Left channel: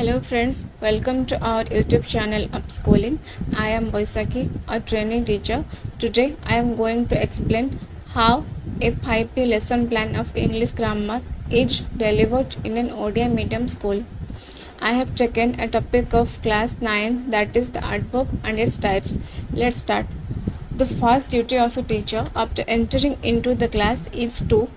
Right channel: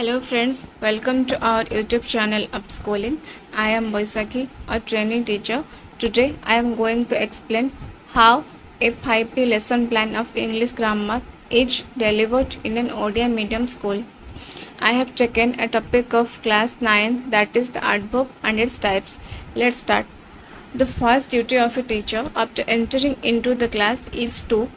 Hello friends, welcome to our YouTube channel Upschooling. I am Vaisakhi, a training teacher. Today I am going to explain how a 5P lesson plan of English grammar is delivered in an Odia medium school. I have taken a topic of class 9, that is the adverb and its types. Let's start. The first duty of a teacher after entering into the class is to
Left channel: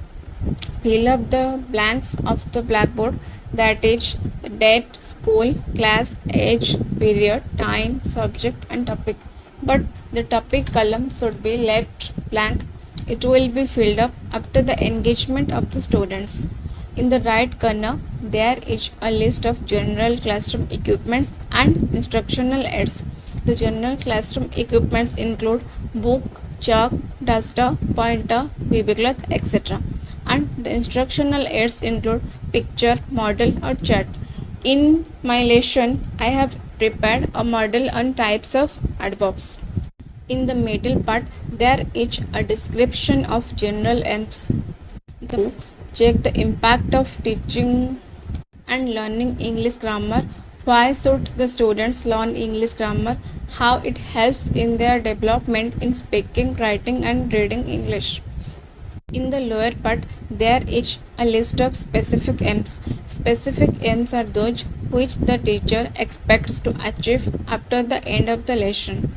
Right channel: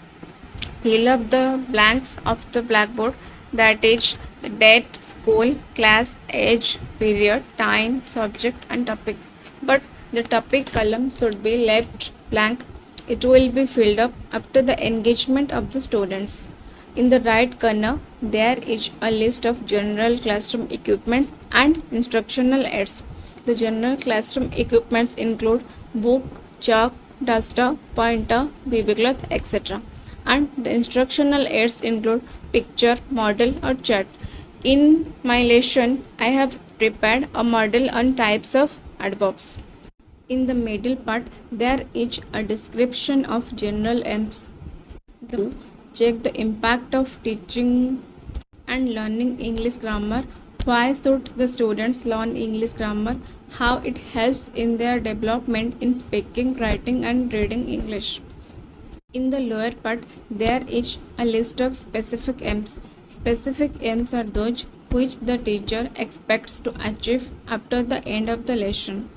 fill up the blanks of the blackboard, that is the date, school, class, age, period, time, subject and topic. But the topic column should be left blank. It will be filled up after the engagement of the students. In the right corner, there is a list of general classroom equipments and instructional aids. The general classroom equipments include book, chalk, duster, pointer, BB cloth, etc. And the instructional aids include picture, model or chart. In my lesson, I have prepared a model on types of adverbs. In the middle part, there is a description of general aims. To check the impact of teaching and learning English grammar. Why should the students learn English grammar? How it helps in their development in speaking, writing and reading English. In the lower part, there is a list of specific aims. Specific aims are those which the teacher expects to achieve after the end of the lesson.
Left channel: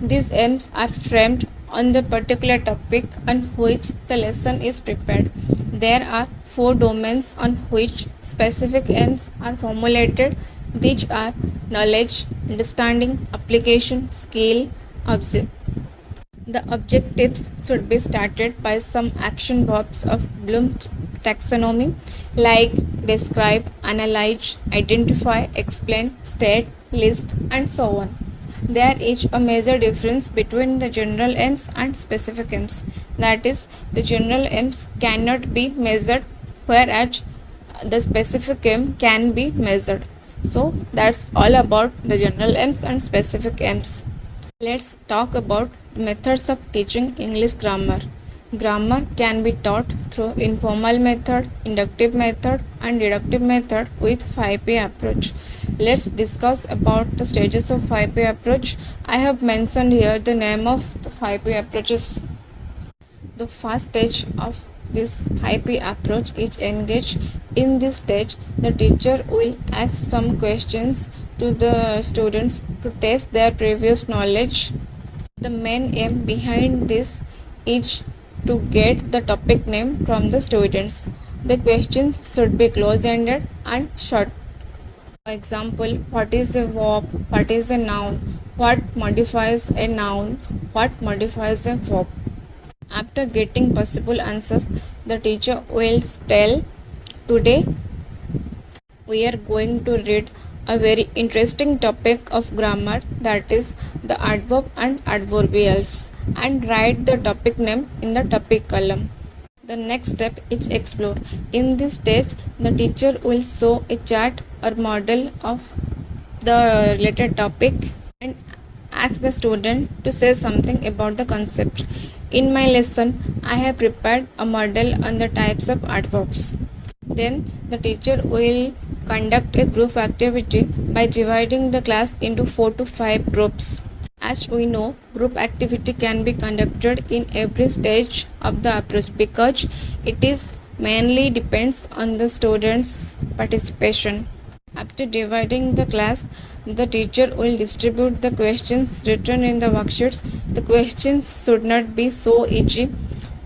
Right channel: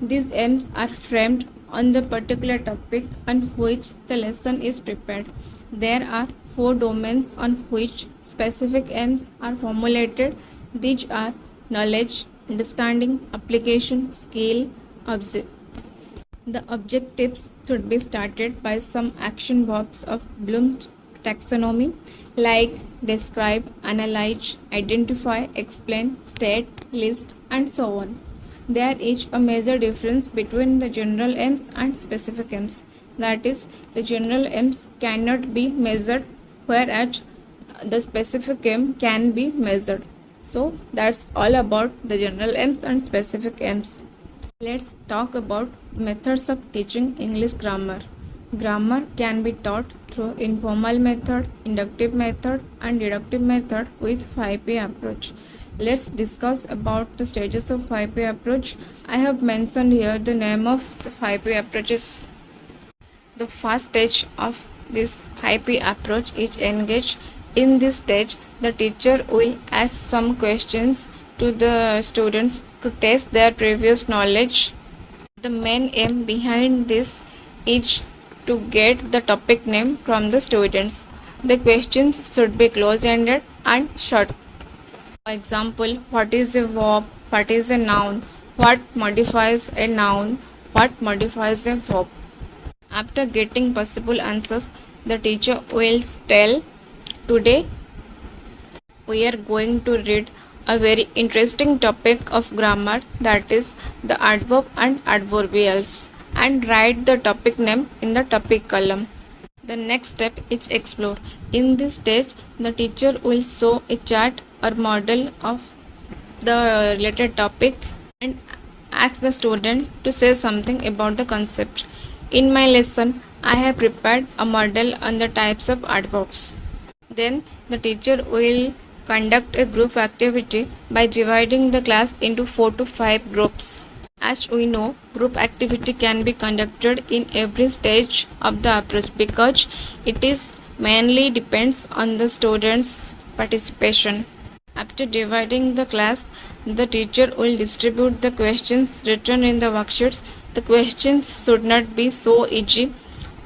These aims are framed on the particular topic on which the lesson is prepared. There are 4 domains on which specific aims are formulated. These are knowledge, understanding, application, skill, object. The objectives should be started by some action verbs of Bloom's taxonomy like describe, analyze, identify, explain, state, list and so on. There is a major difference between the general aims and specific aims. That is, the general aims cannot be measured, whereas the specific aim can be measured. So that's all about the general aims and specific aims. Let's talk about methods of teaching English grammar. Grammar can be taught through informal method, inductive method and deductive method with 5P approach. Let's discuss about the stages of 5P approach. I have mentioned here the name of the 5P approaches. The first stage of this 5P approach is engage. In this stage, the teacher will ask some questions to the students to test their previous knowledge. The main aim behind this is to get the topic name from the students. The questions should be close-ended and short. For example, what is a verb? What is a noun? What modifies a noun? What modifies a verb? After getting possible answers, the teacher will tell, today we are going to read a very interesting topic of grammar, that is the adverb and adverbials, and write the topic name in the topic column. The next step is explore. In this stage, the teacher will show a chart or model of the related topic and ask the student to say something about the concept. In my lesson, I have prepared a model on the types of adverbs. Then the teacher will conduct a group activity by dividing the class into 4 to 5 groups. As we know, group activity can be conducted in every stage of the approach because it is mainly depends on the students' participation. After dividing the class, the teacher will distribute the questions written in the worksheets. The questions should not be so easy.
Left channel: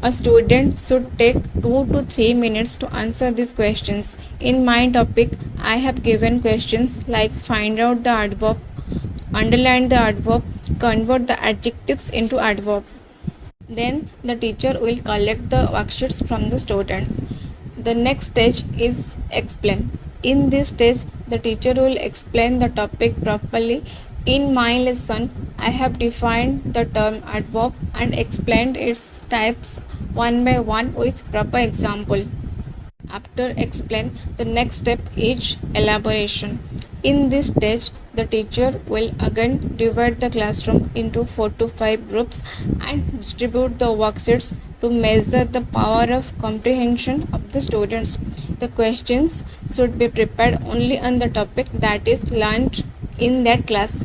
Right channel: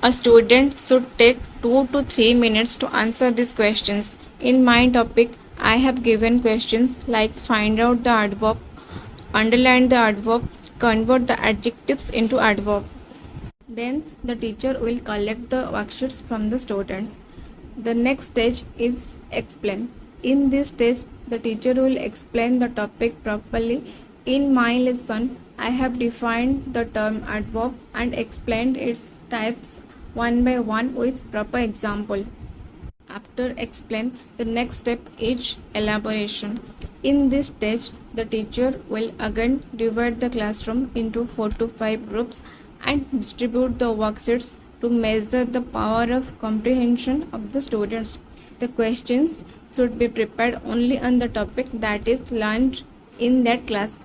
A student should take 2 to 3 minutes to answer these questions. In my topic, I have given questions like find out the adverb, underline the adverb, convert the adjectives into adverb. Then the teacher will collect the worksheets from the students. The next stage is explain. In this stage, the teacher will explain the topic properly. In my lesson, I have defined the term adverb and explained its types one by one with proper example. After explain, the next step is elaboration. In this stage, the teacher will again divide the classroom into 4 to 5 groups and distribute the worksheets to to measure the power of comprehension of the students. The questions should be prepared only on the topic that is learned in that class.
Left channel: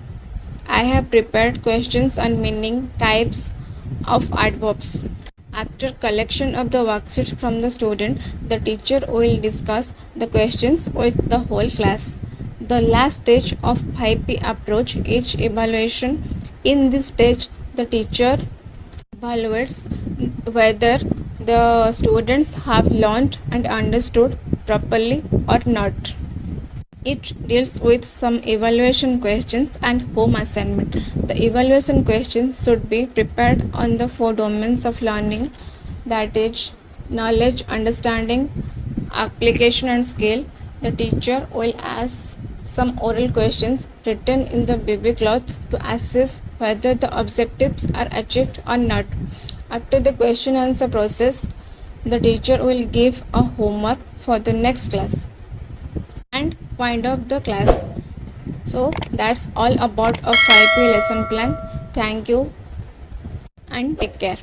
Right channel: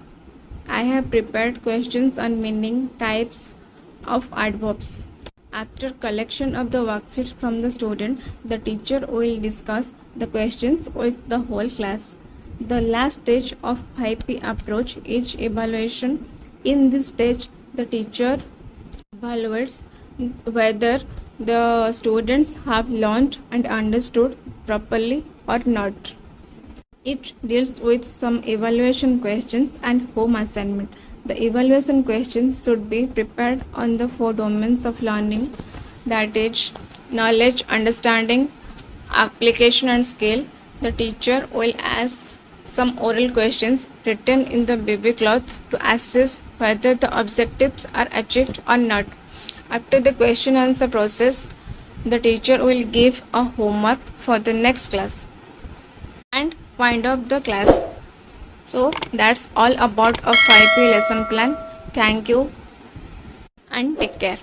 I have prepared questions on meaning, types of adverbs. After collection of the worksheets from the student, the teacher will discuss the questions with the whole class. The last stage of 5P approach is evaluation. In this stage, the teacher evaluates whether the students have learned and understood properly or not. It deals with some evaluation questions and home assignment. The evaluation questions should be prepared on the 4 domains of learning, that is knowledge, understanding, application and skill. The teacher will ask some oral questions written in the baby cloth to assess whether the objectives are achieved or not. After the question answer process, the teacher will give a homework for the next class and wind up the class. So that's all about a 5P lesson plan. Thank you and take care.